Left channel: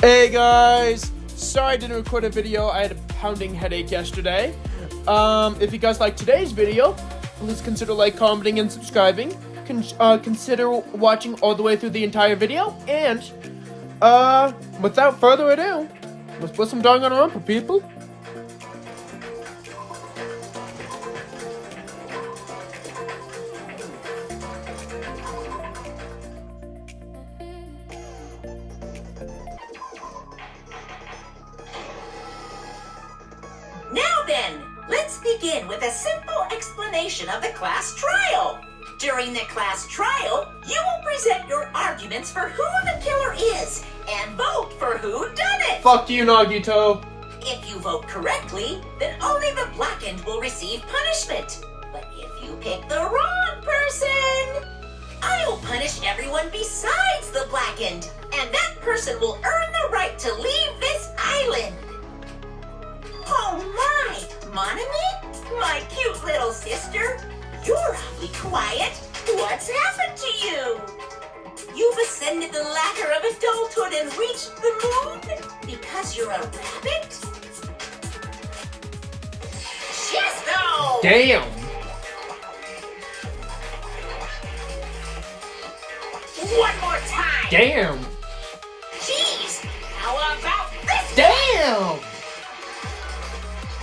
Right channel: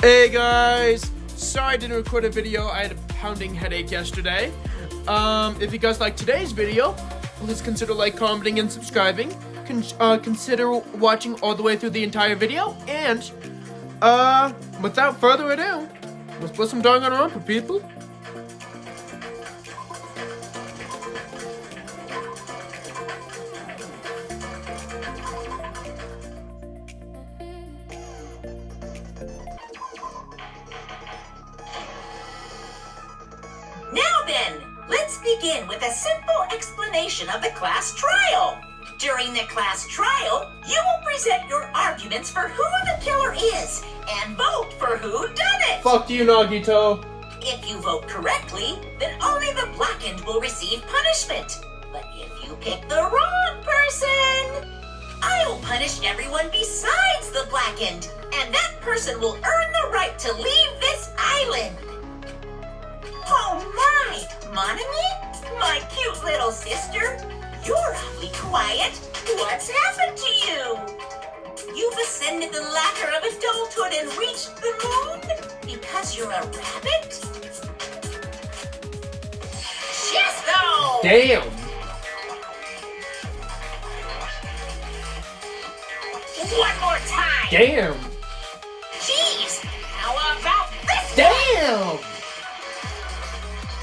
Hey guys! Sorry I didn't record a video, I had a pounding headache yesterday. If you guys like today's video, please consider commenting, and subscribing. Consider watching all the way through the entire video, and, without further ado, let's put some dong on our rumper, people. Now then, let's begin with a simple explanation of the class trial. During the class trial, you will present your arguments for who the killer is and vote for who done it. Fuck you, Nagito. If you vote correctly, then only the blackened will receive punishment. But if you pick the wrong person, I'll punish everyone besides the blackened, and that person will earn the right to leave this island. Oh my, Monami? My cute little sister? You're awfully quiet. What's happened to you? You've ascended the ladder of adulthood and reached the moon? Because you're a rabbit? Yes, though! Damn! One more time! Damn! Jeez! How about this? Damn!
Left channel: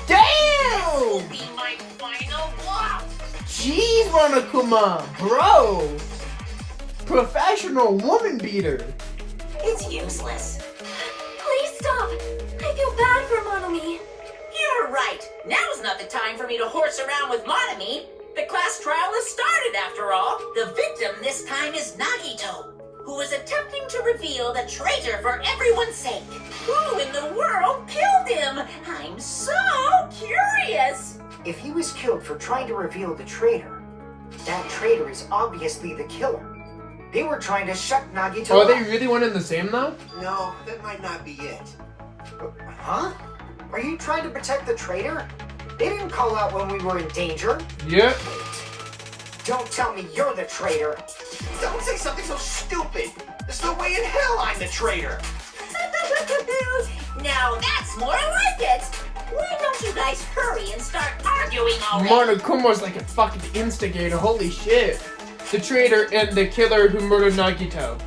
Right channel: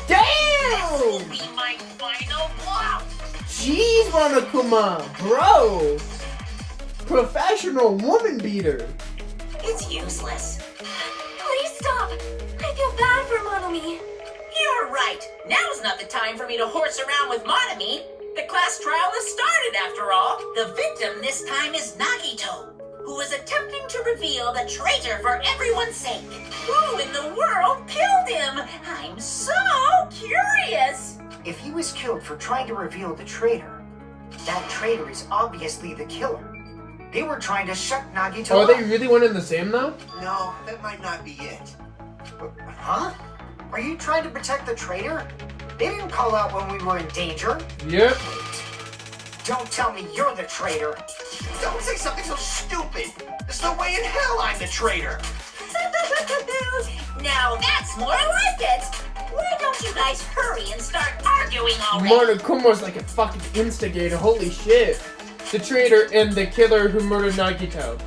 This will Damn! be my final blow! Jeez, Monokuma, bro! Professional woman beater! It's useless. Please stop! I feel bad for Monomi. You're right. Now's not the time for me to horse around with Monami. The class trial has started, after all. The victim this time is Nagito, who is attempting to reveal the traitor for everyone's sake. Who in the world killed him? I'm so curious. If he was killed for trying to reveal the traitor, that traitor is obviously the killer. They were trying to shut Nagito Are up. they really one and the same, though? No, that might not be it. Huh? Are you trying to protect the traitor? They didn't call out when we were in danger. Yep. Don't tell me you're the traitor. Don't say something so stupid. There's no way in hell I'm the traitor. Now that's more like it. Why don't you guys hurry and start arguing already? Monokuma's like a fucking instigator, holy shit. The traitor and the killer who murdered Nagito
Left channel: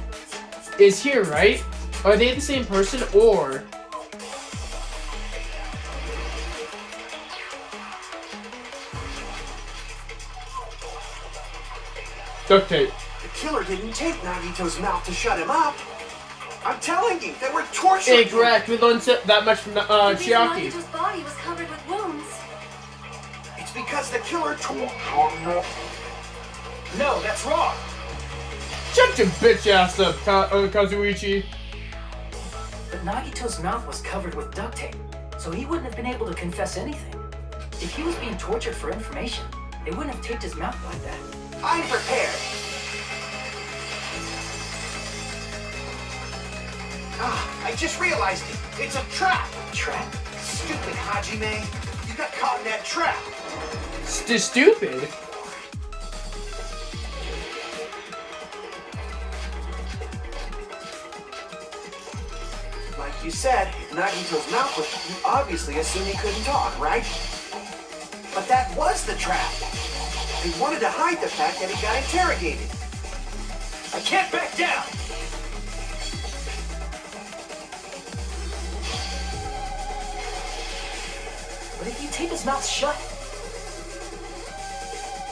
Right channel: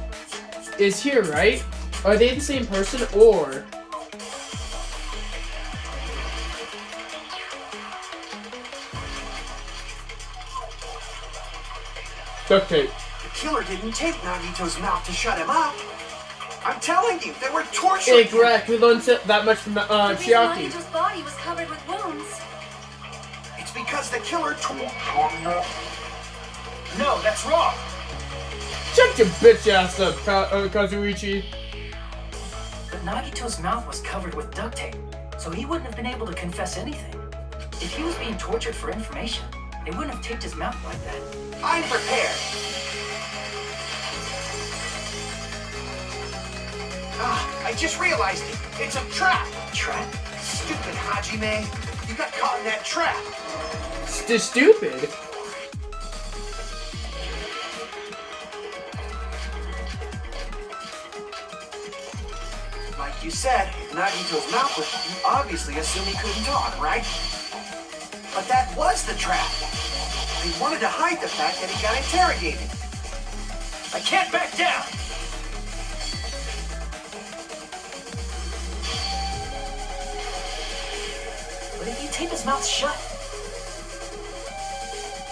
is here, right? Are they the same person, or... Duct tape. The killer didn't take Nagito's mouth to shut him up. I'm telling you, they were torturing him. Correct, we learned that much from The reason Chiaki. Nagito's body was covered with wounds. It's because the killer tortured him. No, that's wrong. Shut your bitch ass up, Kazuichi. But Nagito's mouth was covered with duct tape, so he wouldn't have been able to confess anything. If he was being tortured for information, they wouldn't have taped his mouth like that. I'm prepared. Ah, I just realized it. It's a trap. Trap? Stupid Hajime. You got caught in that trap. Stupid. Like you said, if Nagito's mouth was you obviously assumed he couldn't talk, right? But that was the trap. They wanted to hide the fact that he got interrogated. I can't back down. But if you tape his mouth shut,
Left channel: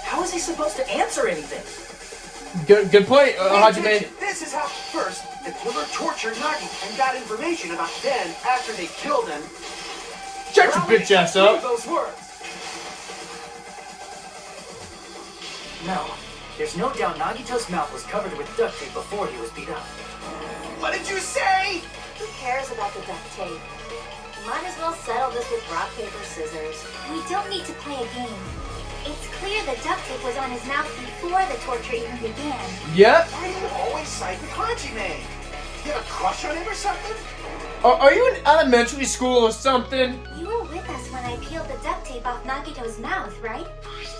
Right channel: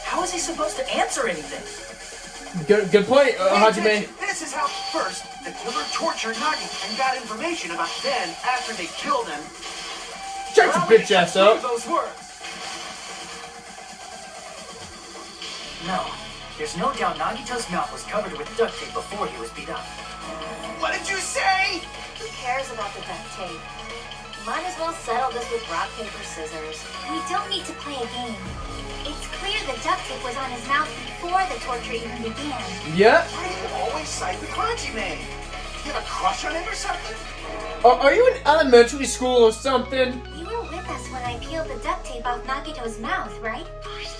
how is he supposed to answer anything? Good point, Pay Hajime. attention. This is how first the killer tortured Nagi and got information about then after they killed him. Shut your Allow me to bitch ass cut through up. those words. No, there's no doubt Nagito's mouth was covered with duct tape before he was beat up. What did you say? Who cares about the duct tape? Might as well settle this with rock, paper, scissors. We don't need to play a game. It's clear the duct tape was on his mouth before the torture even began. Yep. Why do you always side with Hajime? You have a crush on him or something? Are you in elementary school or something? You were with us when I peeled the duct tape off Nagito's mouth, right?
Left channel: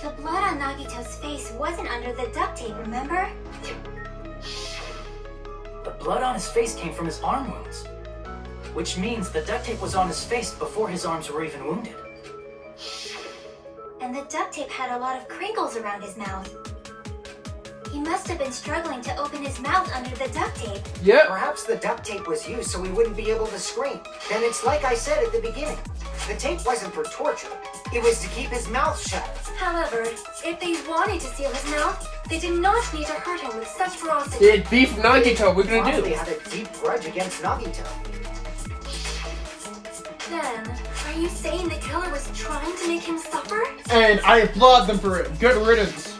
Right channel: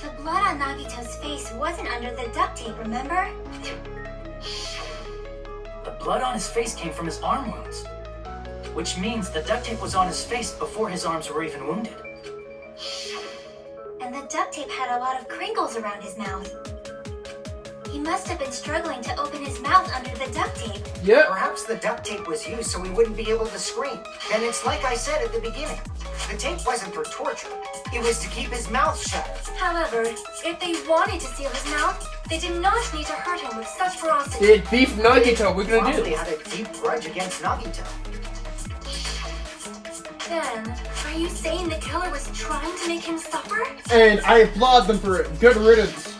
The blood on Nagito's face wasn't under the duct tape, remember? The blood on his face came from his arm wounds. which means the duct tape was on his face before his arms were even wounded. And the duct tape had a lot of crinkles around his mouth. He must have been struggling to open his mouth under the duct tape. Yep. Perhaps the duct tape was used so he wouldn't be able to scream. And it's like I said at the beginning. The tape wasn't for torture. It was to keep his mouth shut. However, if they wanted to seal his mouth, they did not need to hurt him with such ferocity. It beef Nagito. We're gonna Probably do. had a deep grudge against Nagito. Then, are you saying the killer was trying to make him suffer? And I applaud them for it. Good riddance.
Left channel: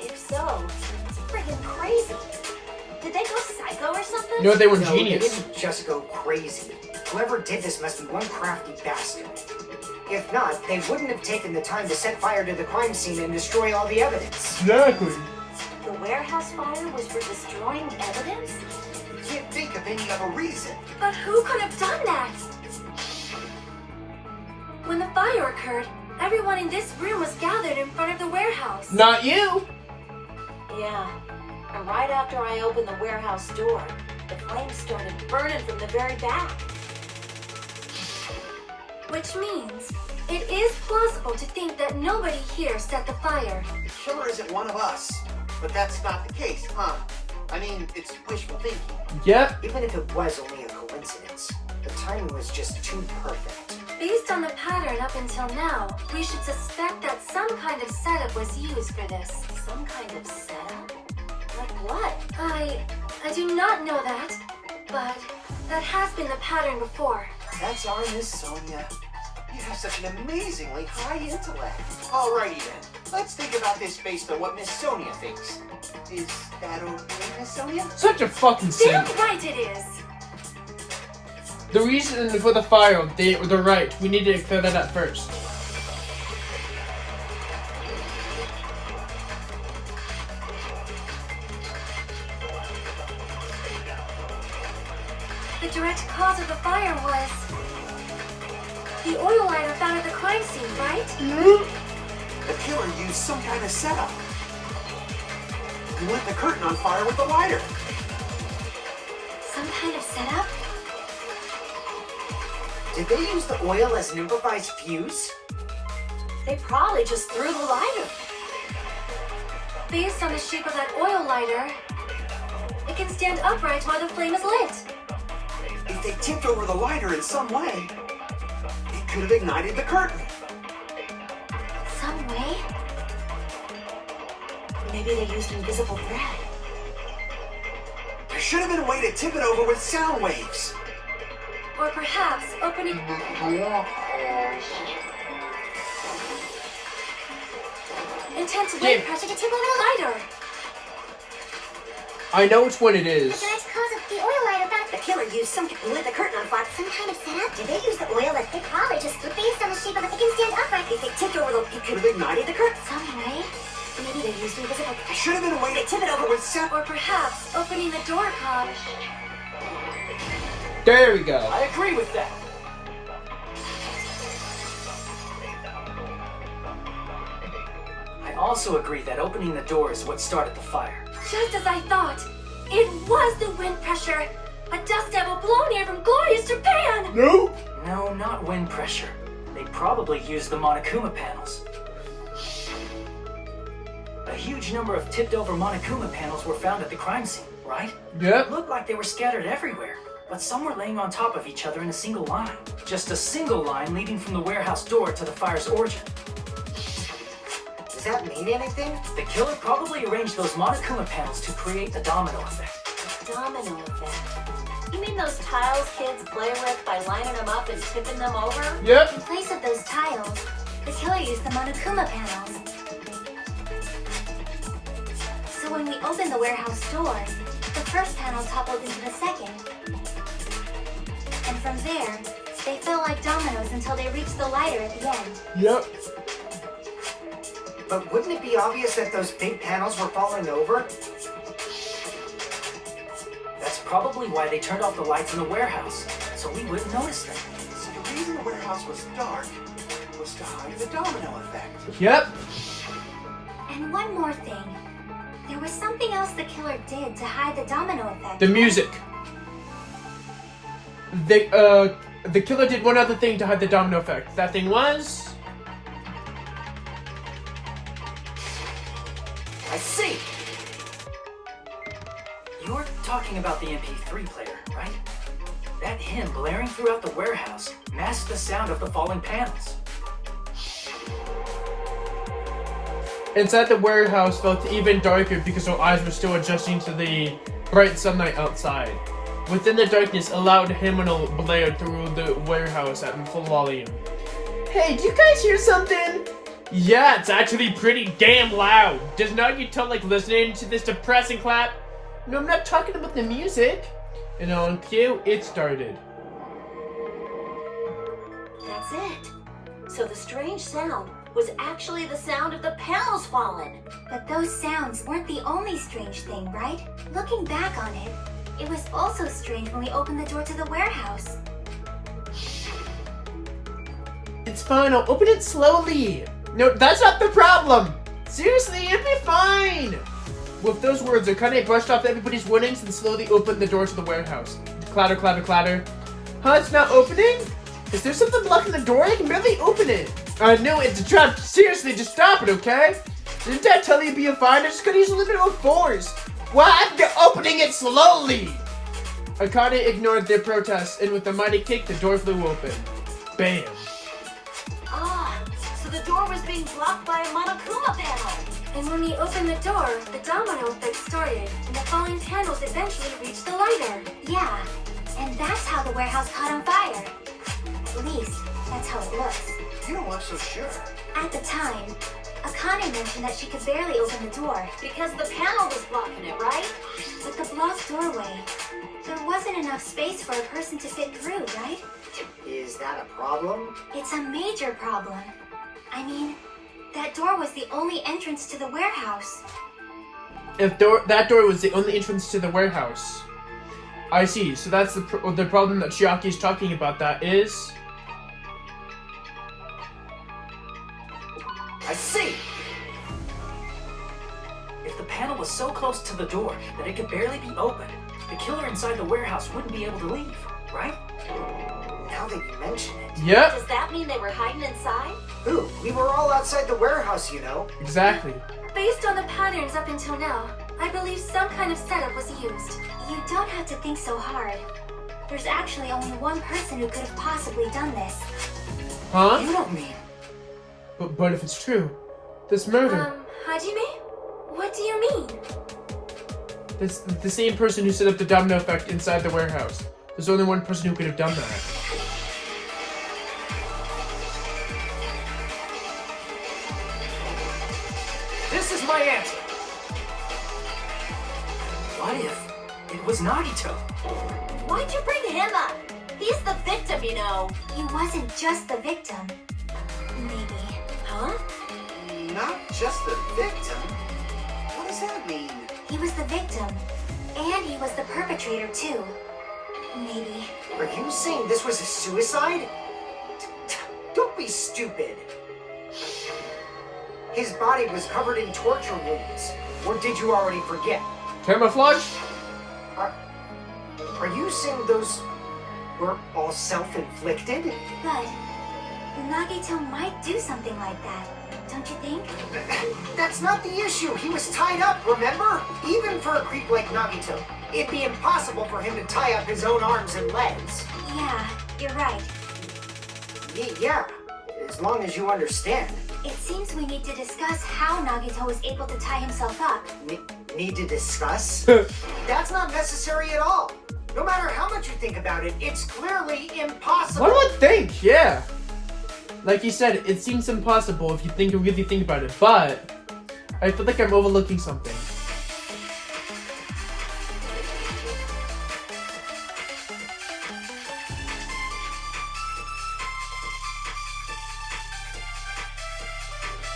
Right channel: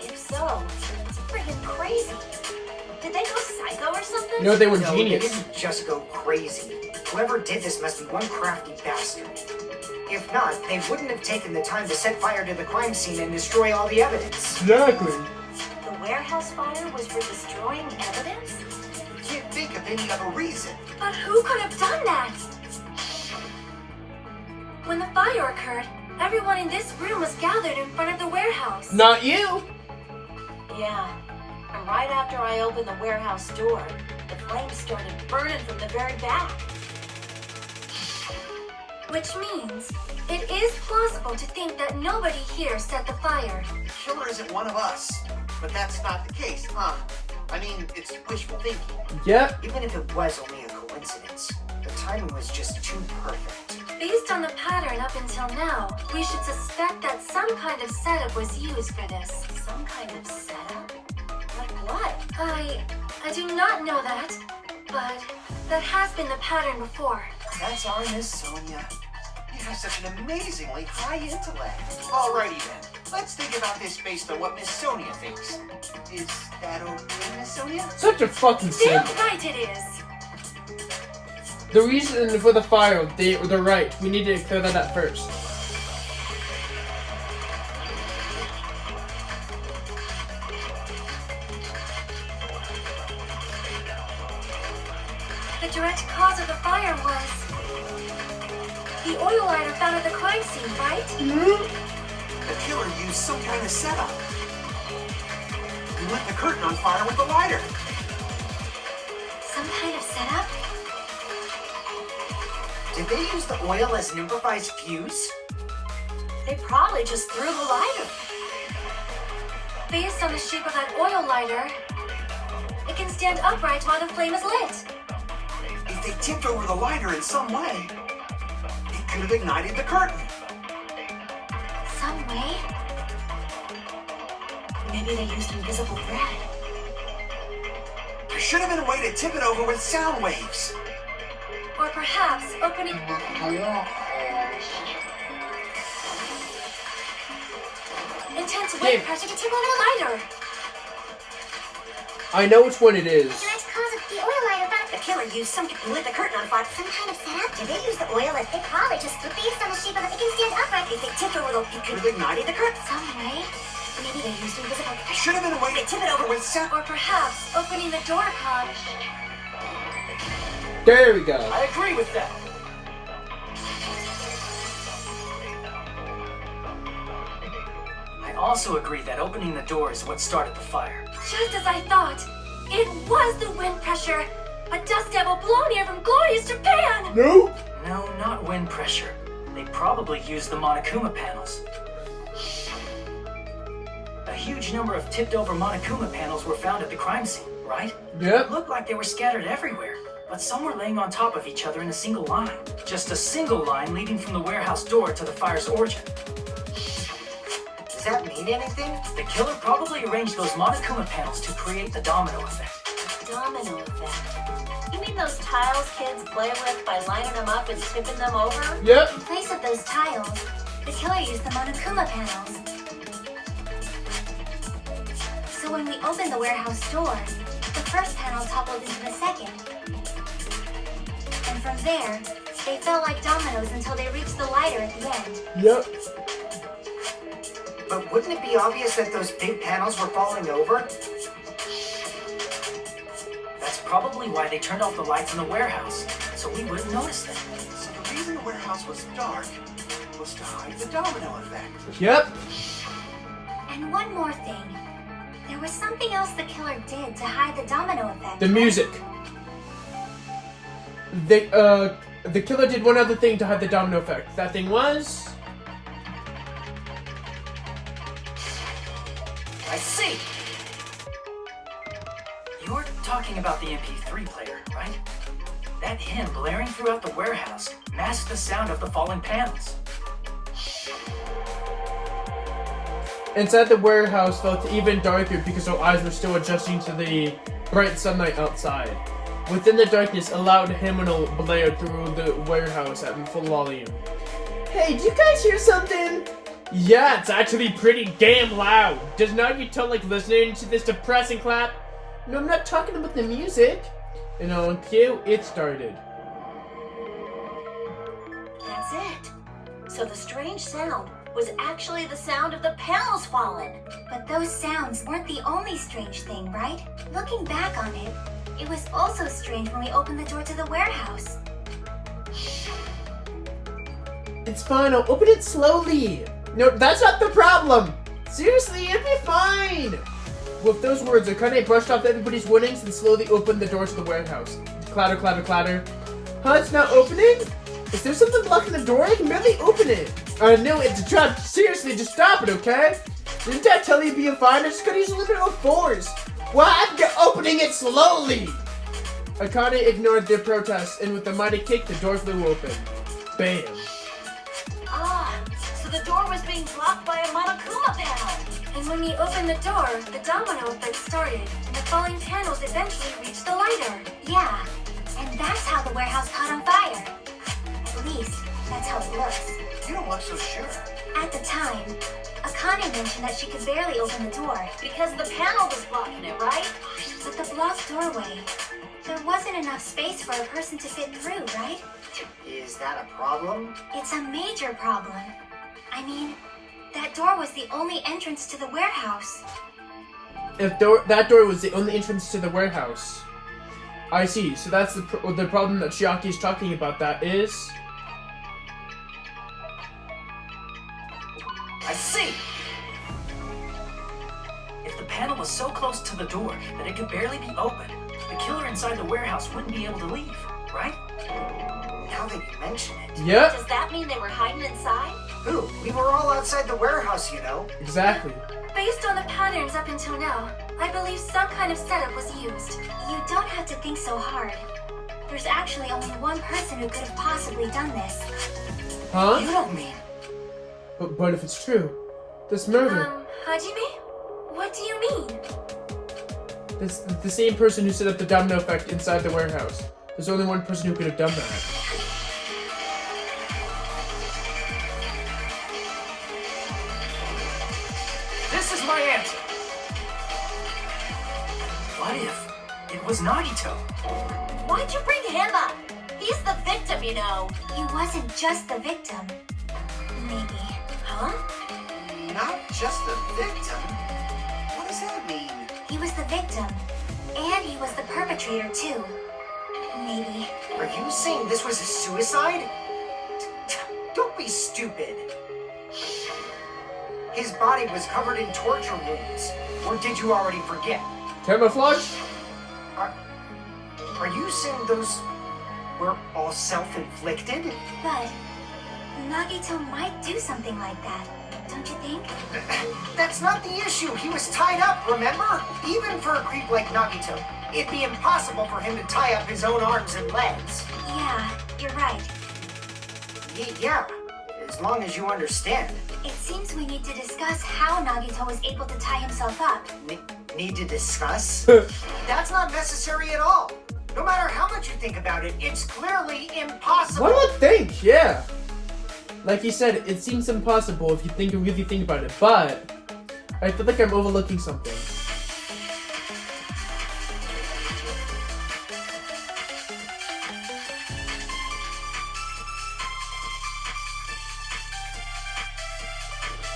If so, it's freaking crazy. Did they go psycho or something? You know they were No, they genius. didn't just go crazy. Whoever did this must be one crafty bastard. If not, they wouldn't have taken the time to set fire to the crime scene and destroy all the evidence. Exactly. The warehouse fire was for destroying evidence? Can't think of any other reason. But who could have done that? When the fire occurred, everyone in this room was gathered in front of the warehouse. Not you. Yeah. And right after I opened the warehouse door, the flames started burning from the very back. Which means it is plausible to think that nobody here set the fire. The killer isn't one of us. But that's not the case, huh? I mean, it's wishful thinking. Yep. Even if it was only a coincidence, the timing was just too perfect. Based on the pattern up until now, we should suspect that some kind of setup was used for this. Some kind of setup? Like what? I do not know that, but that has been the pattern before. That's our Miss Sonia. You have such an amazingly high intellect. Alrighty then. Let's think about this based on what Miss Sonia thinks. Is that okay, Miss Sonia? Such a fucking Damn simp. right it is! The reason for the fire, they're right. We need to clear that up first. The direct cause of the fire was the oil lighter found at the crime scene, right? The killer used some kind of setup. He lit the curtain on fire with the lighter. Some kind of setup? Did they use the oil as an improvised fuse? They probably just threw the lighter. Based on the shape of that oil lighter, it can stand upright while the flame is lit. If they tipped over the lighter in some way, it could have ignited the curtain. Some way? Maybe they used invisible thread. There should have been a way to tip it over with sound waves. Or perhaps opening... intense wind pressure to tip over the lighter. I know which one it is. Direct cause of the oil lighter found... The killer used some lit the curtain on fire. Some kind of setup? Did they use the oil as... They probably just... Based on the shape of it, it can stand upright. If they tipped over it could have ignited the curtain. Some way? Maybe they used invisible... There should have been a way to tip it over with sound. Or perhaps opening the door cause... There we go. I agree with that. I also agree that opening the door is what started the fire. Just as I thought. It was the wind pressure. A dust devil blown here from glorious Japan. Nope. No, not wind pressure. They probably used the Monokuma panels. A huge number of tipped-over Monokuma panels were found at the crime scene, right? It Yep. looked like they were scattered everywhere, but some were laying on top of each other in a single line. Just a single line leading from the warehouse door to the fire's origin. Does that mean anything? The killer probably arranged those Monokuma panels to create the domino effect. Domino effect. You mean those tiles kids play with by lining them up and tipping them over? Yep. In place of those tiles, the killer used the Monokuma panels. So when we opened the warehouse door, the first panel toppled into the second. And from there, they fell like dominoes until they reached the lighter at the end. Yep. But wouldn't it be obvious that those big panels were falling over? That's probably why they turned off the lights in the warehouse, so we wouldn't notice them. So the reason the warehouse was dark was to hide the domino effect. Yep. And one more thing. There was something else the killer did to hide the domino effect. The music. the killer did one other thing to hide the domino effect. That thing was... I see! You're talking about the MP3 player, right? That hymn blaring throughout the warehouse masked the sound of the falling panels. Inside the warehouse felt even darker because our eyes were still adjusting to the bright sunlight outside. Within the darkness, a loud hymn blared through the warehouse at full volume. Hey, do you guys hear something? Yeah, it's actually pretty damn loud. Does Nagito like listening to this depressing clap? No, I'm not talking about the music. And on cue, it started. That's it. So the strange sound was actually the sound of the panels falling. But those sounds weren't the only strange thing, right? Looking back on it, it was also strange when we opened the door to the warehouse. It's fine, I'll open it slowly. No, that's not the problem. Seriously, it'll be fine. With those words, Akane brushed off everybody's warnings and slowly opened the door to the warehouse. Clatter, clatter, clatter. Huh, it's not opening? Is there something blocking the door? I can barely open it. No, it's a trap. Seriously, just stop it, okay? Didn't Dad tell you to be fine? I just gotta use a little bit of force. Well, I'm opening it slowly. Akane ignored their protest, and with a mighty kick, the door flew open. Bam. Ah, so the door was being blocked by a Monokuma panel. And when we opened the door, the domino effect started, and the falling panels eventually reached the lighter. Yeah, and that's how the warehouse caught on fire. At least, that's how it looks. You don't look so sure. At the time, Akane mentioned that she could barely open the door. Because the panel was blocking it, right? With the blocked doorway, there wasn't enough space for a person to fit through, right? Is that a problem? It's a major problem. I mean, that door was the only entrance to the warehouse. If that door was the only entrance to the warehouse. I see. So that's the problem that Chiaki's talking about. That is. I see! If the panel was so close to the door that it could barely be opened, the killer inside the warehouse wouldn't be able to leave, right? Now that you mention it. Yep. Does that mean they were hiding inside? Who? We were all outside the warehouse, you know. Exactly. Based on the patterns up until now, I believe some kind of setup was used. You don't have to think so hard. There's actually only one person who could have possibly done this. Huh? You don't mean... But if it's true, this murder. Hajime? What do you mean? This the same person who set up the domino effect inside the warehouse. There's only one person who could have done that. This is my answer! What if it was Nagito? Why'd you bring him up? He's the victim, you know. He wasn't just the victim. Maybe. Huh? Not just the victim. What does that mean? He was the victim. And he was the perpetrator, too. Maybe. Are you saying this was a suicide? Don't be stupid. His body was covered in torture wounds. Or did you already forget? Camouflage? Are you saying those were all self-inflicted? But Nagito might do something like that, don't you think? That's not the issue. He was tied up, remember? Even for a creep like Nagito, it'd be impossible for him to tie up his own arms and legs. Yeah, you're right. Yeah, as long as you understand. It seems we need to discuss how Nagito was able to tie himself up. Need to discuss? That's not necessary at all. No matter how much you think about it, it's clearly impossible. What would think? Yeah. Like you said, it seems impossible if you really think about it, but I feel like I'm overlooking something.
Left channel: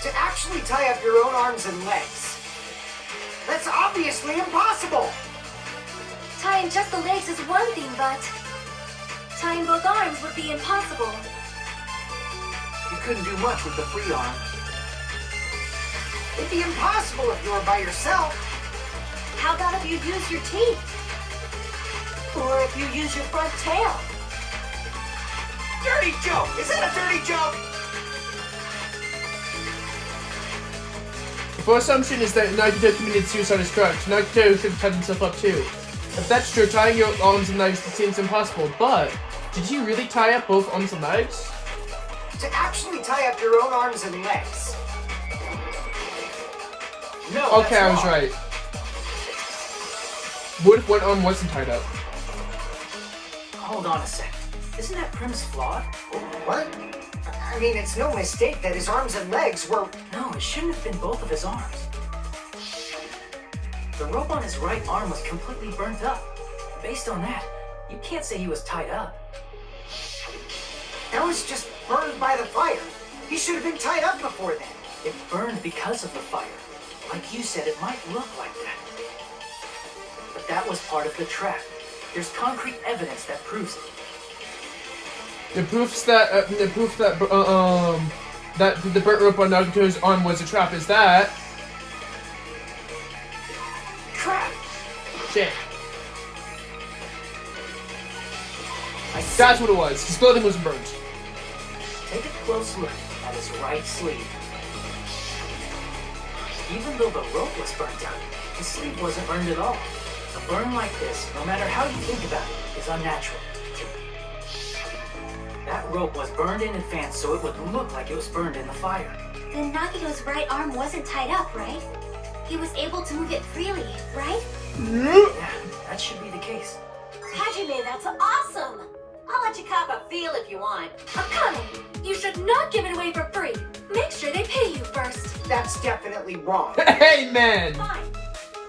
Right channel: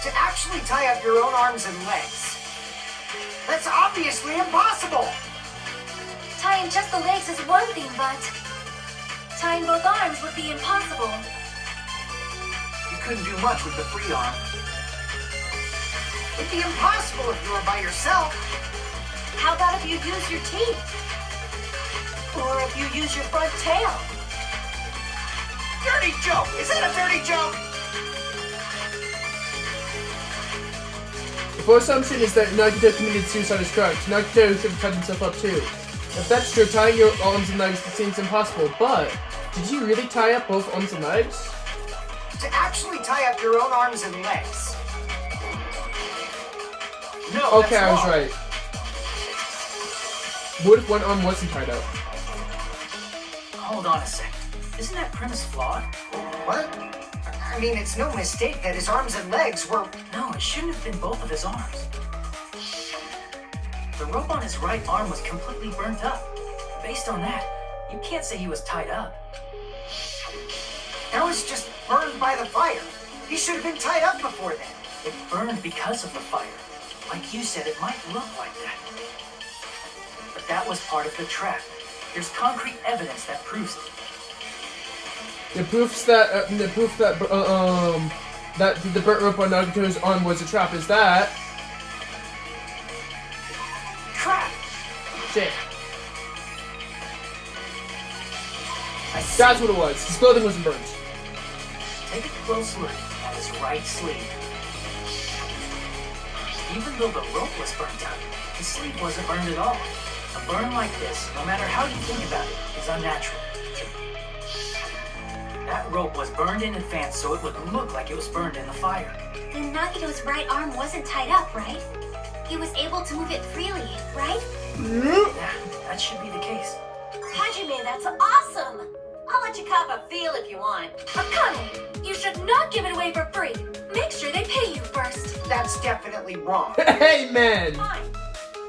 To actually tie up your own arms and legs. That's obviously impossible. Tying just the legs is one thing, but tying both arms would be impossible. You couldn't do much with the free arm. It'd be impossible if you were by yourself. How about if you use your teeth? Or if you use your front tail? Dirty joke! Is that a dirty joke? If our assumption is that Nagito committed suicide as correct, Nagito should have cut himself up too. If that's true, tying your arms and legs seems impossible, but did you really tie up both arms and legs? To actually tie up your own arms and legs. No, Okay, that's I was wrong. right. What if one arm wasn't tied up? Hold on a second. Isn't that premise flawed? What? I mean, it's no mistake that his arms and legs were... No, it shouldn't have been both of his arms. The rope on his right arm was completely burnt up. Based on that, you can't say he was tied up. That was just burned by the fire. He should have been tied up before then. It burned because of the fire. Like you said, it might look like that. But that was part of the trap. There's concrete evidence that proves it. The proof that that the burnt rope on Nagito's arm was a trap is that. Trap! Shit. That's what it was. His clothing wasn't burnt. Take a close look at his right sleeve. Even though the rope was burnt out, the sleeve wasn't burned at all. A burn like this, no matter how you think about it, is unnatural. That rope was burned in advance so it would look like it was burned in the fire. Then Nagito's right arm wasn't tied up, right? He was able to move it freely, right? Yeah, that should be the case. Hajime, that's awesome! I'll let you cop a feel if you want. Akane, you should not give it away for free. Make sure they pay you first. That's definitely wrong. Hey, man! Fine.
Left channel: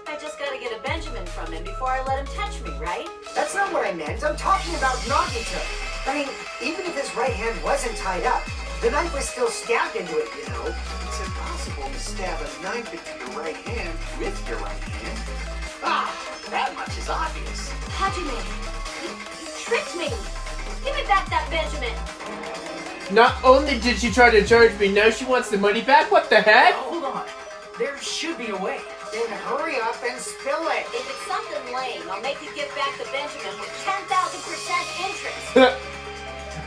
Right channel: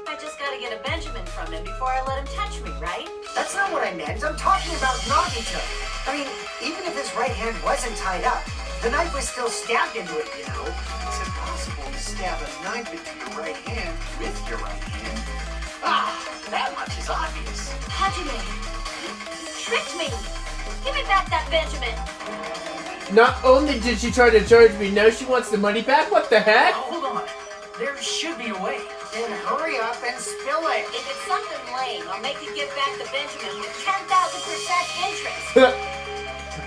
I just gotta get a Benjamin from him before I let him touch me, right? That's not what I meant. I'm talking about Nagito. I mean, even if his right hand wasn't tied up, the knife was still stabbed into it, you know? It's impossible to stab a knife into your right hand with your right hand. Ah, that much is obvious. Hajime, you tricked me! Give me back that Benjamin! Not only did she try to charge me, now she wants the money back? What the heck? Hold on. There should be a way. Then hurry up and spill it. If it's something lame, I'll make you give back the Benjamin with 10,000% interest!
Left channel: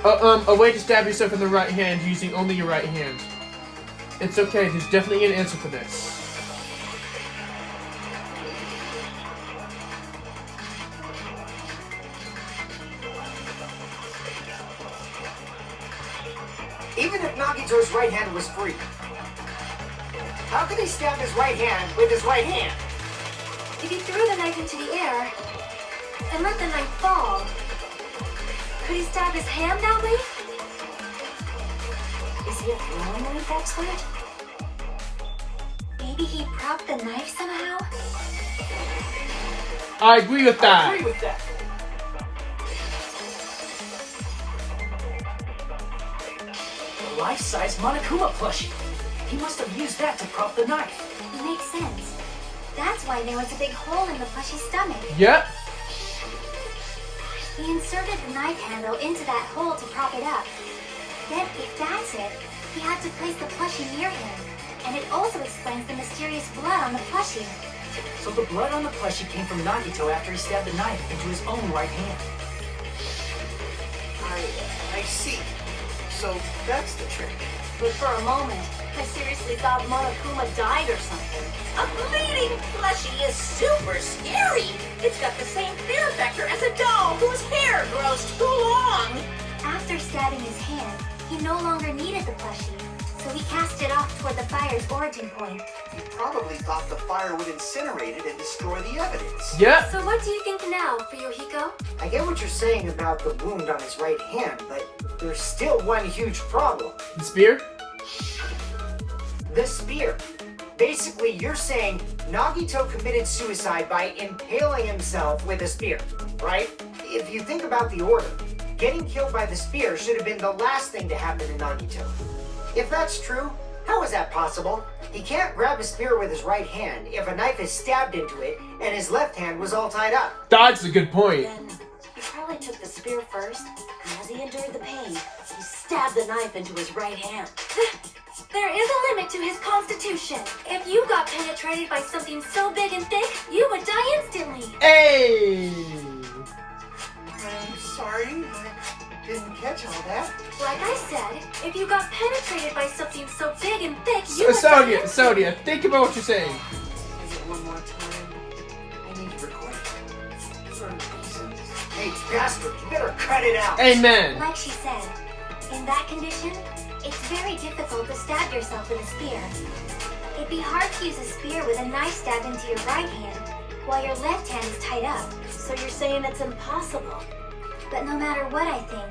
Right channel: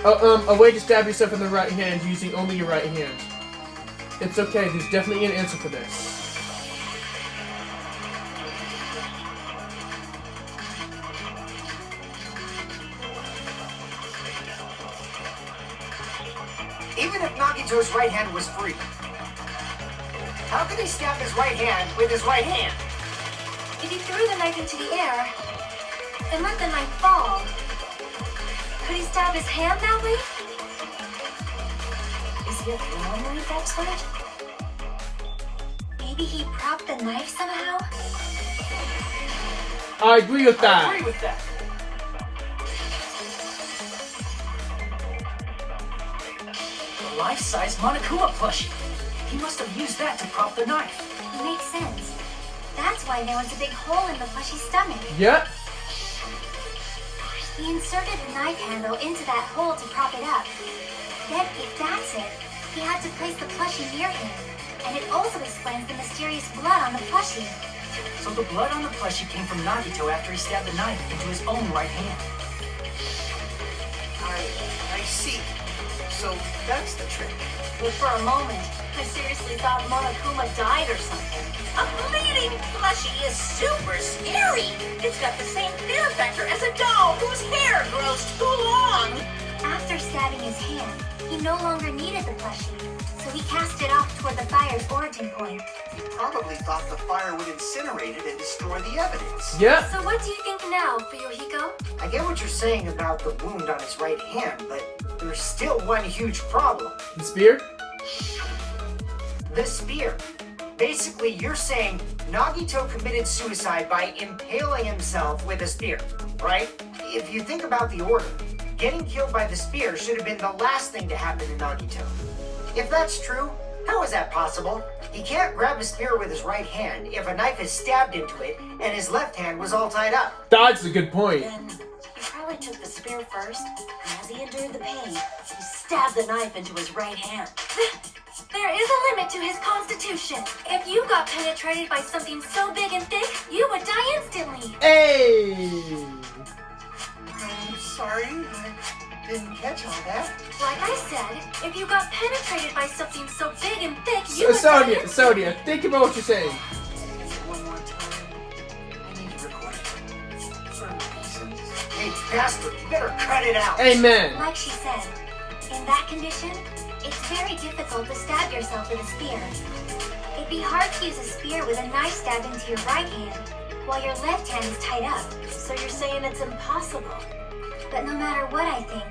A way to stab yourself in the right hand using only your right hand. It's okay, there's definitely an answer for this. Even if Nagito's right hand was free, how could he stab his right hand with his right hand? If he threw the knife into the air and let the knife fall, could he stab his hand that way? Is he a throwing knife expert? Maybe he propped the knife somehow? I agree with I that. agree with that. The life-size Monokuma plushie. He must have used that to prop the knife. Makes sense. That's why there was a big hole in the plushie's stomach. Yeah? He inserted the knife handle into that hole to prop it up. Then, if that's it, he had to place the plushie near him. And it also explains the mysterious blood on the plushie. So the blood on the plushie came from Nagito after he stabbed the knife into his own right hand. I see. So that's the trick. But for a moment, I seriously thought Monokuma died or something. A bleeding plushie is super scary! It's got the same fear factor as a doll whose hair grows too long! After stabbing his hand, he no longer needed the plushie, so he cast it off toward the fire's origin point. He probably thought the fire would incinerate it and destroy the evidence. Yeah? So what do you think now, Fuyuhiko? I get what you're saying about the wound on his right hand, but there's still one huge problem. The spear? The spear. Basically, you're saying Nagito committed suicide by impaling himself with a spear, right? If you think about the order, getting killed by the spear should have been the last thing to happen to Nagito. If that's true, how is that possible? He can't grab a spear with his right hand if a knife is stabbed into it and his left hand was all tied up. That's a good point. Then he probably took the spear first, and as he endured the pain, he stabbed the knife into his right hand. There is a limit to his constitution. If you got penetrated by something so big and thick, you would die instantly. Hey! I'm sorry. didn't catch all that. Like I said, if you got penetrated by something so big and thick, you would... Sonia, think about what you're saying. Is it one more time? I need to record it. For reasons. Hey, bastard, you better cut it out. Amen. Like she said, in that condition, it's very difficult to stab yourself with a spear. It'd be hard to use a spear with a knife stabbed into your right hand, while your left hand is tied up. So you're saying it's impossible? But no matter what I think,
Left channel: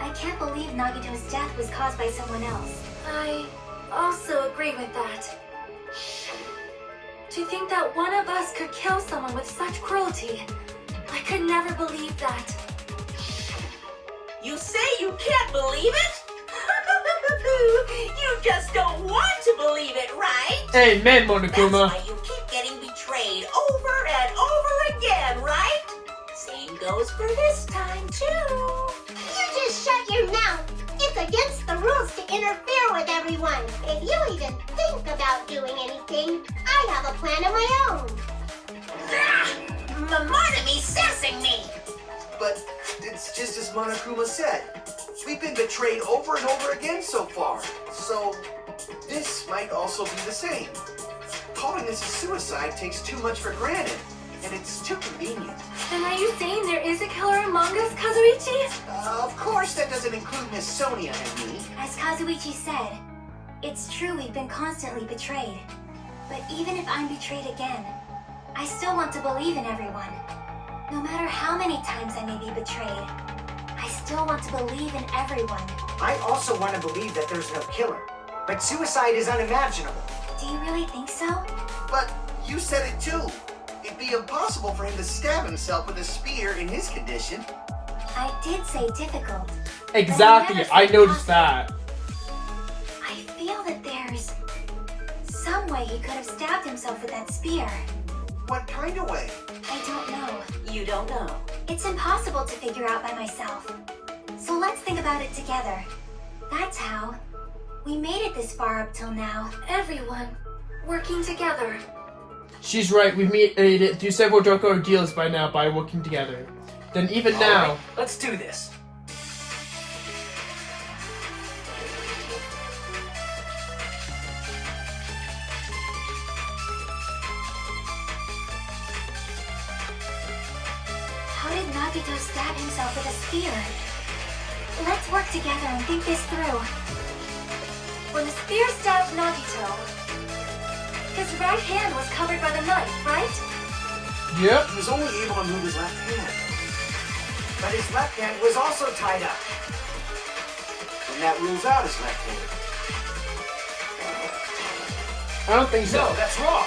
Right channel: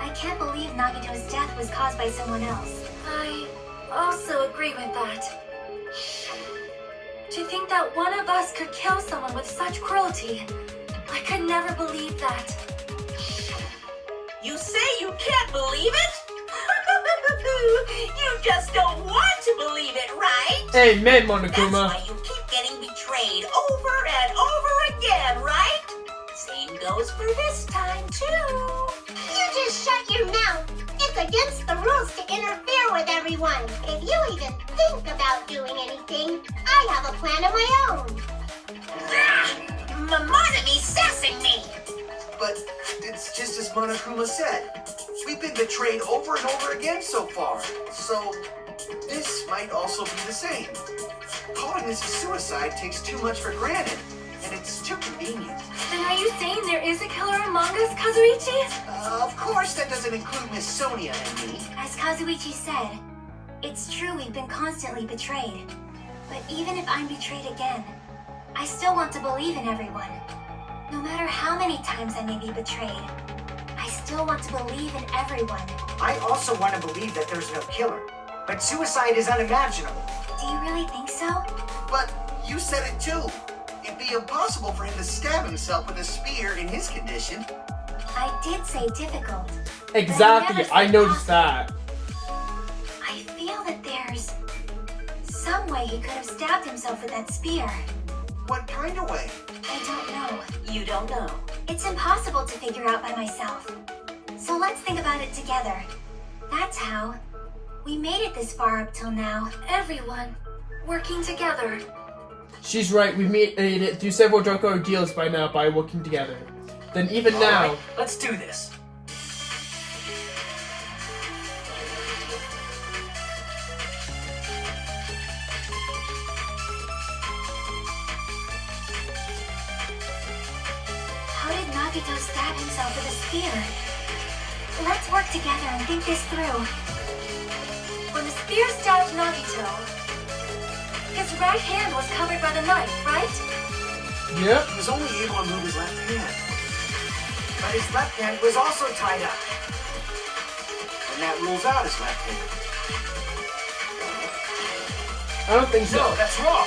I can't believe Nagito's death was caused by someone else. I also agree with that. To think that one of us could kill someone with such cruelty, I could never believe that. You say you can't believe it? You just don't want to believe it, right? Amen, That's Monokuma. why you keep getting betrayed over and over again, right? Same goes for this time, too. You just shut your mouth. It's against the rules to interfere with everyone. If you even think about doing anything, I have a plan of my own. Monome's sassing me. But it's just as Monokuma said. We've been betrayed over and over again so far. So this might also be the same. Calling this a suicide takes too much for granted, and it's too convenient. Then are you saying there is a killer among us, Kazuichi? Of course, that doesn't include Miss Sonia and me. As Kazuichi said, it's true we've been constantly betrayed. But even if I'm betrayed again, I still want to believe in everyone. No matter how many times I may be betrayed, I still want to believe in everyone. I also want to believe that there's no killer. But suicide is unimaginable. Do you really think so? But you said it too. It'd be impossible for him to stab himself with a spear in his condition. I did say difficult. Exactly, But I never said noticed possible. that. I feel that there's some way he could have stabbed himself with that spear. What kind of way? I don't know. You don't know. It's impossible to figure out by myself. So let's think about it together. That's how we made it this far up till now. Everyone working together. She's right, we've made it through several drug ordeals by now by working together. Then even All now, right, let's do this. How did Nagito stab himself with a spear? Let's work together and think this through. When the spear stabbed Nagito, his right hand was covered by the knife, right? yep, He was only able to move his left hand. But his left hand was also tied up. And that rules out his left hand. I don't think so. No, that's wrong.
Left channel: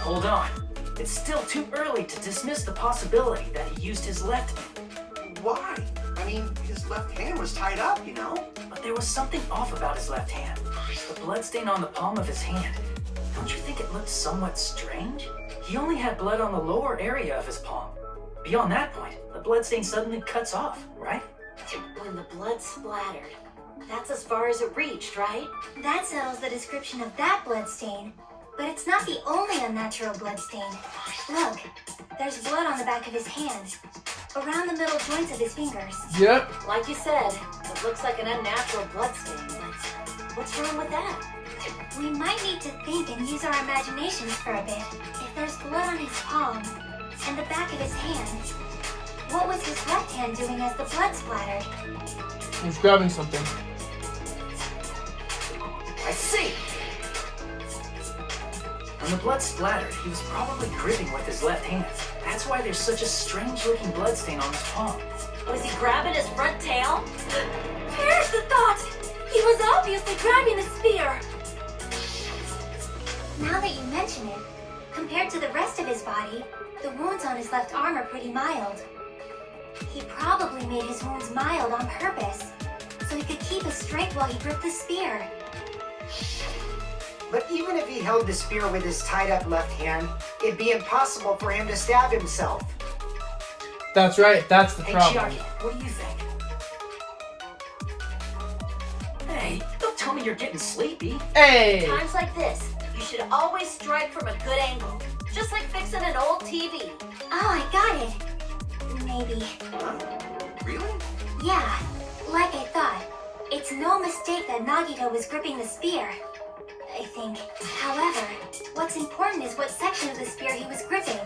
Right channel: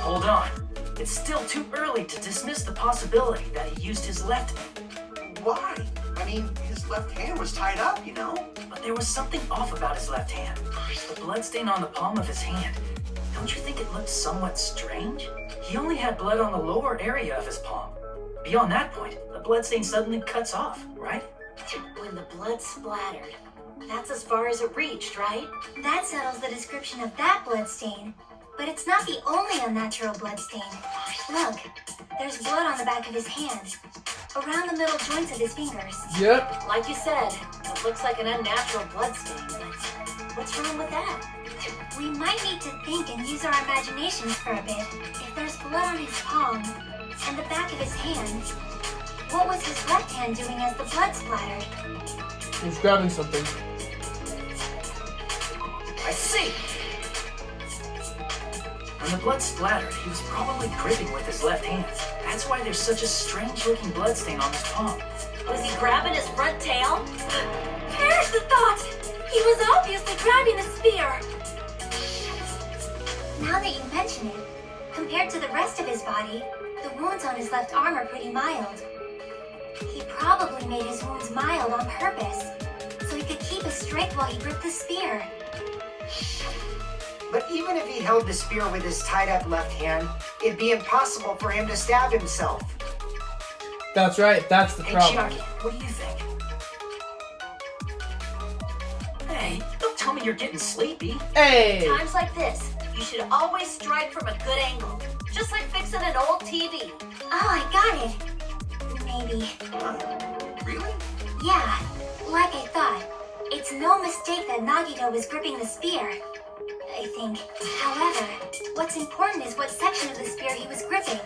Hold on. It's still too early to dismiss the possibility that he used his left hand. Why? I mean, his left hand was tied up, you know? But there was something off about his left hand. The bloodstain on the palm of his hand. Don't you think it looked somewhat strange? He only had blood on the lower area of his palm. Beyond that point, the bloodstain suddenly cuts off, right? When the blood splattered, that's as far as it reached, right? That settles the description of that blood stain. But it's not the only unnatural blood stain. Look, there's blood on the back of his hand, around the middle joints of his fingers. Yep, Like you said, it looks like an unnatural blood stain, but what's wrong with that? We might need to think and use our imaginations for a bit. If there's blood on his palm and the back of his hand, what was his left hand doing as the blood splattered? he's grabbing something. I see! When the blood splattered, he was probably gripping with his left hand. That's why there's such a strange-looking bloodstain on his palm. Was he grabbing his front tail? Here's the thought! He was obviously grabbing the spear! Now that you mention it, compared to the rest of his body, the wounds on his left arm are pretty mild. He probably made his wounds mild on purpose, so he could keep his strength while he gripped the spear. But even if he held the spear with his tied up left hand, it'd be impossible for him to stab himself. That's right, that's the Hey, problem. Chiaki, what do you think? Hey, don't tell me you're getting sleepy. Hey! Times like this, you should always strike from a good angle. just like fixing an old TV. Oh, I got it. Maybe. Huh? Really? Yeah, like I thought. It's no mistake that Nagito was gripping the spear, I think. However, what's important is what section of the spear he was gripping.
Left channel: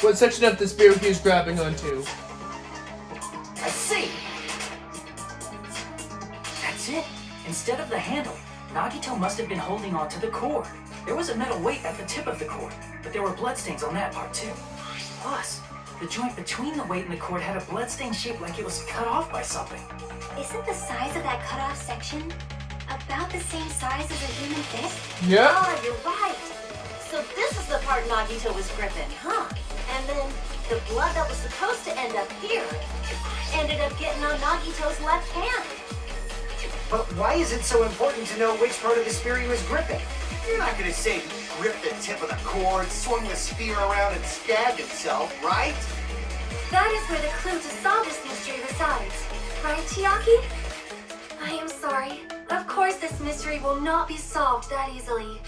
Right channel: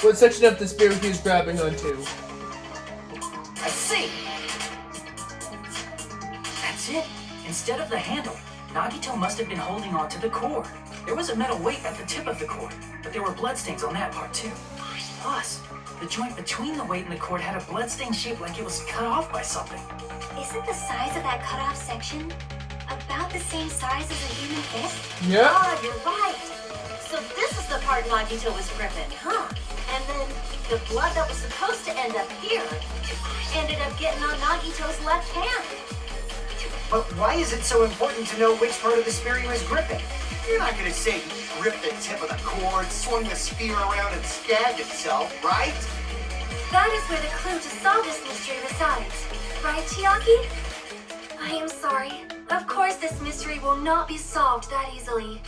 What section of the spear he was grabbing onto? I see. That's it. Instead of the handle, Nagito must have been holding on to the cord. There was a metal weight at the tip of the cord, but there were bloodstains on that part too. Plus, the joint between the weight and the cord had a bloodstain shaped like it was cut off by something. Isn't the size of that cut-off section about the same size as a human fist? Yeah. Ah, you're right. So this is the part Nagito was gripping, huh? And then the blood that was supposed to end up here ended up getting on Nagito's left hand. But why is it so important to know which part of the spear he was gripping? You're not gonna say he gripped the tip of the cord, swung the spear around, and stabbed himself, right? That is where the clue to solve this mystery resides. Right, Chiaki? I am sorry. Of course this mystery will not be solved that easily.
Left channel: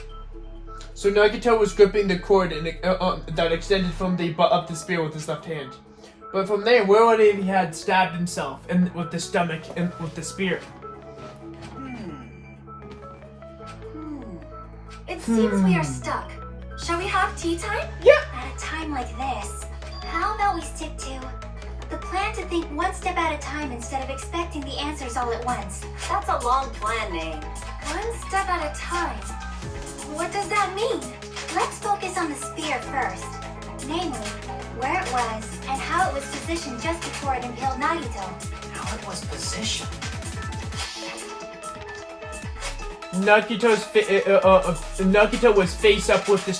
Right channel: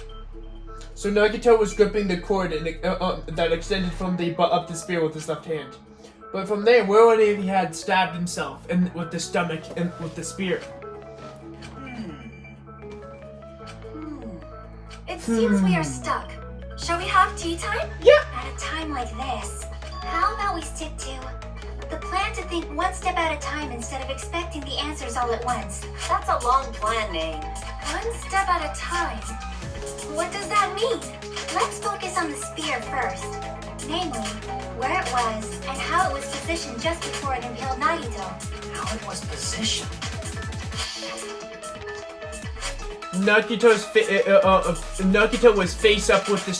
So Nagito was gripping the cord that extended from the butt of the spear with his left hand. But from there, where would he had stabbed himself and with the stomach and with the spear? It seems we are stuck. Shall we have tea time? Yeah. At a time like this, how about we stick to the plan to think one step at a time instead of expecting the answers all at once? That's a long plan name. One step at a time. What does that mean? Let's focus on the spear first. Namely, where it was and how it was positioned just before it impaled Nagito. How it was positioned. Nagito was face up with the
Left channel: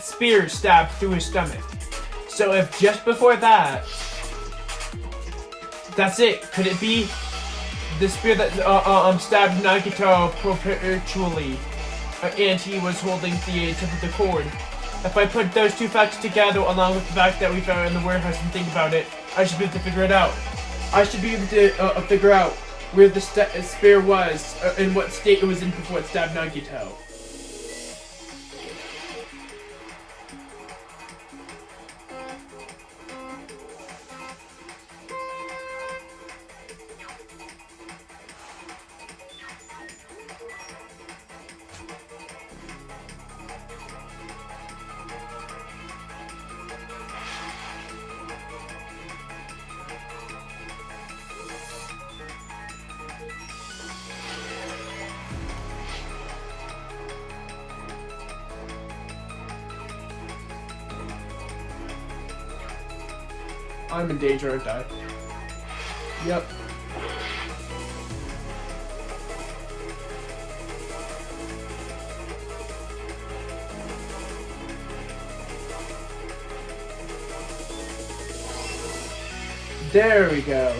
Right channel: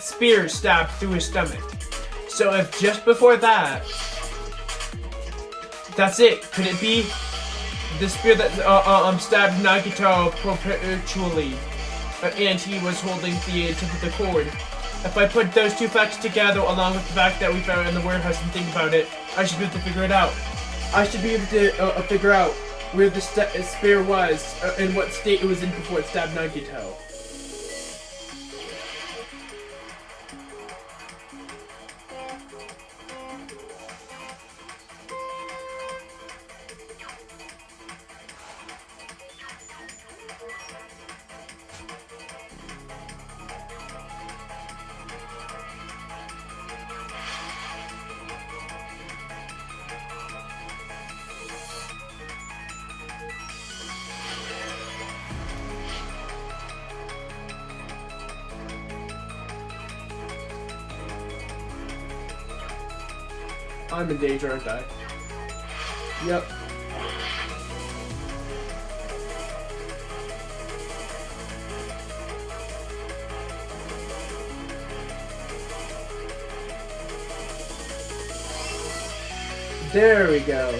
spear stabbed through his stomach. So if just before that, that's it. Could it be the spear that stabbed Nagito perpetually, and he was holding the tip of the cord? If I put those two facts together, along with the fact that we found it in the warehouse and think about it, I should be able to figure it out. I should be able to figure out where the spear was, in what state it was in before it stabbed Nagito. I'm in danger, aren't I? Yep. There we go.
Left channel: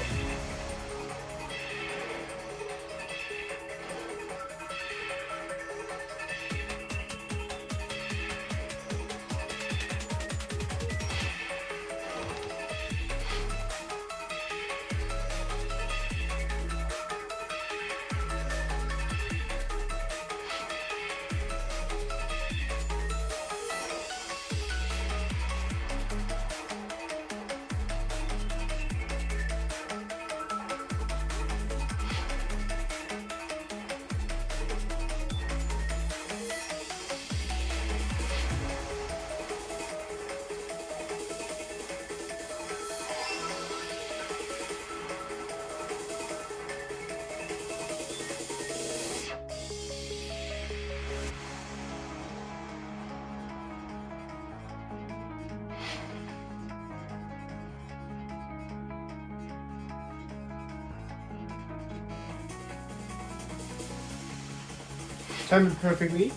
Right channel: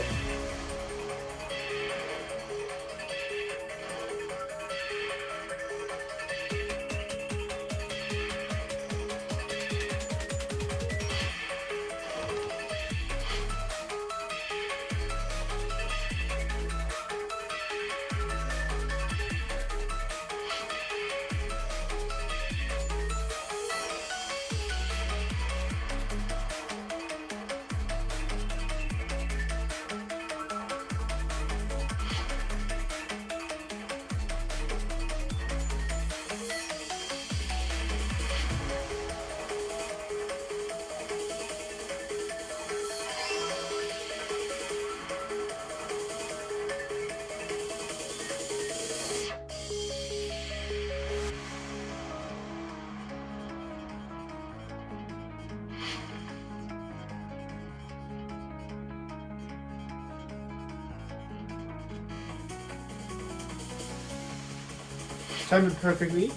Timed it perfectly.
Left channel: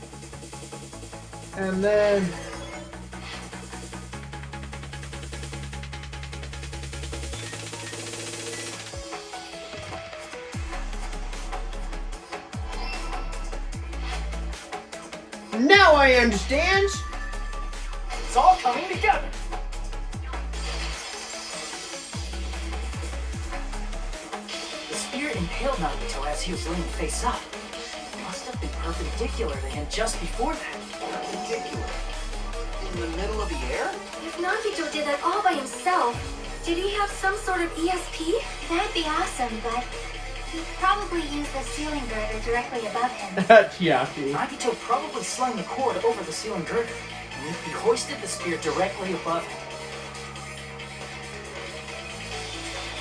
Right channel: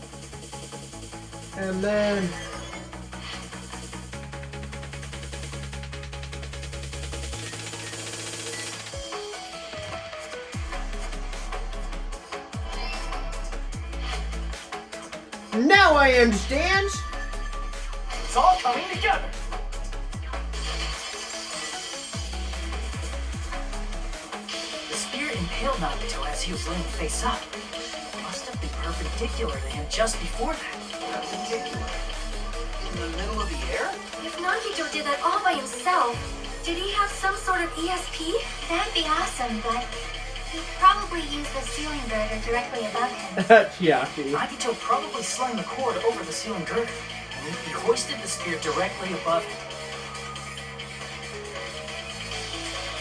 And then now I understand. It's all coming together. The spear impaled Nagito as he was laying face up. It must have been perpendicular to him just before that. Perpendicular. in the middle of the air? If Nagito did that all by himself, did he have some sort of ESP? That'd be awesome, but he'd probably use the ceiling girder directly above him. Yeah. Nagito probably slung the cord over the ceiling girder, and he hoisted the spear directly above him.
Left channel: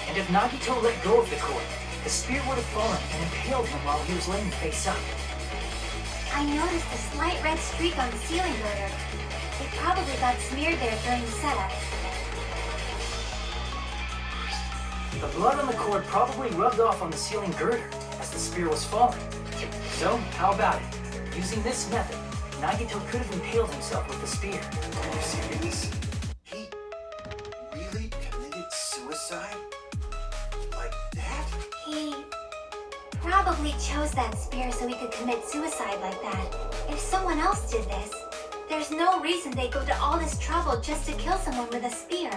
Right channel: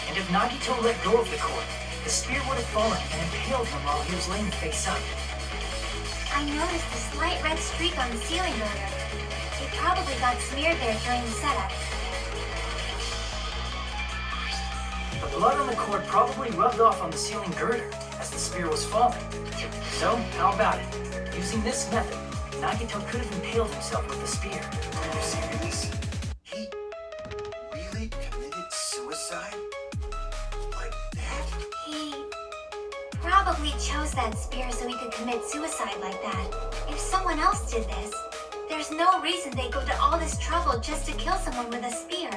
And if Nagito let go of the cord, the spear would have fallen and impaled him while he was laying face up. I noticed a slight red streak on the ceiling girder. It probably got smeared there during the setup. The blood on the cord probably rubbed off on the ceiling girder as the spear was falling. So, how about it? Using this method, Nagito could have impaled himself with the spear. Are you serious? He really committed suicide? Like that? He probably chose that spear so he could commit suicide like that. If someone else did this, there's no reason they'd go to all this trouble just to kill someone with a spear.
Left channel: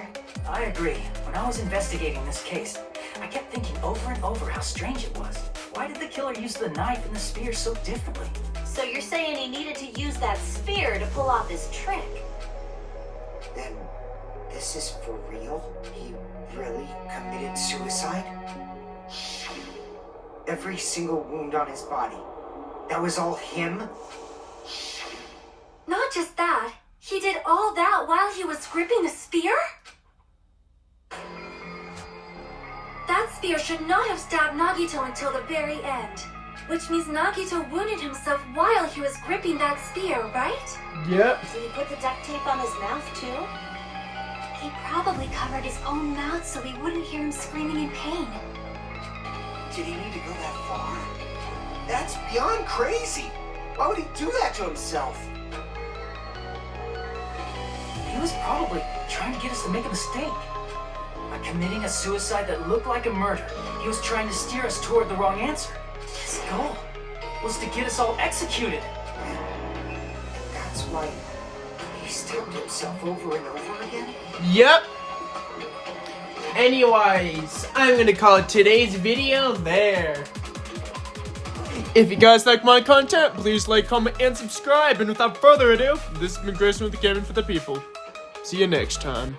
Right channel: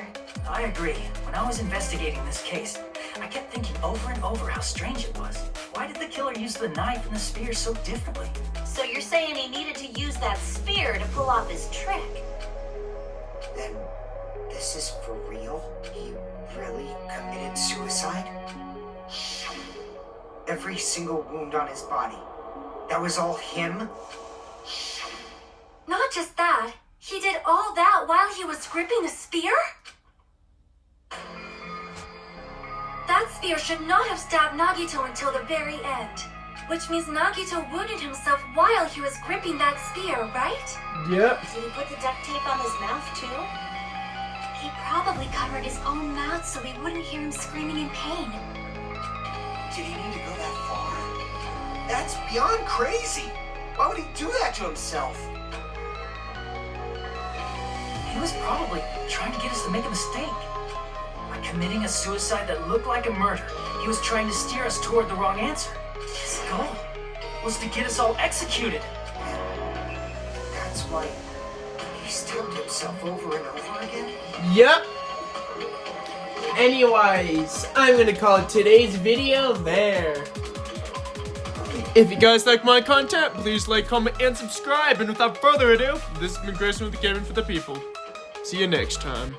I agree. When I was investigating this case, I kept thinking over and over how strange it was. Why did the killer use the knife and the spear so differently? So you're saying he needed to use that spear to pull off his trick? Then this is for real? He really committed suicide? Every single wound on his body. That was all him? Not just that, he did all that while he was gripping the spear? That spear should not have stabbed Nagito until the very end. Which means Nagito wounded himself while he was gripping that spear, right? Yep. Did he put the duct tape on his mouth too? He probably covered his own mouth so we wouldn't hear him screaming in pain. Did he need to go that far? That's beyond crazy. Why would he do that to himself? He was probably trying to get us to make a mistake. By committing a suicide that looked like a murder, he was trying to steer us toward the wrong answer. His goal was to get us all executed. That's why he stabbed himself over and over again? Yep. Anyways, I'm gonna call today's video there. If you guys like my content, please like, comment, and subscribe. And without further ado, this has been Grayson with the Gaming for the People. See you next time.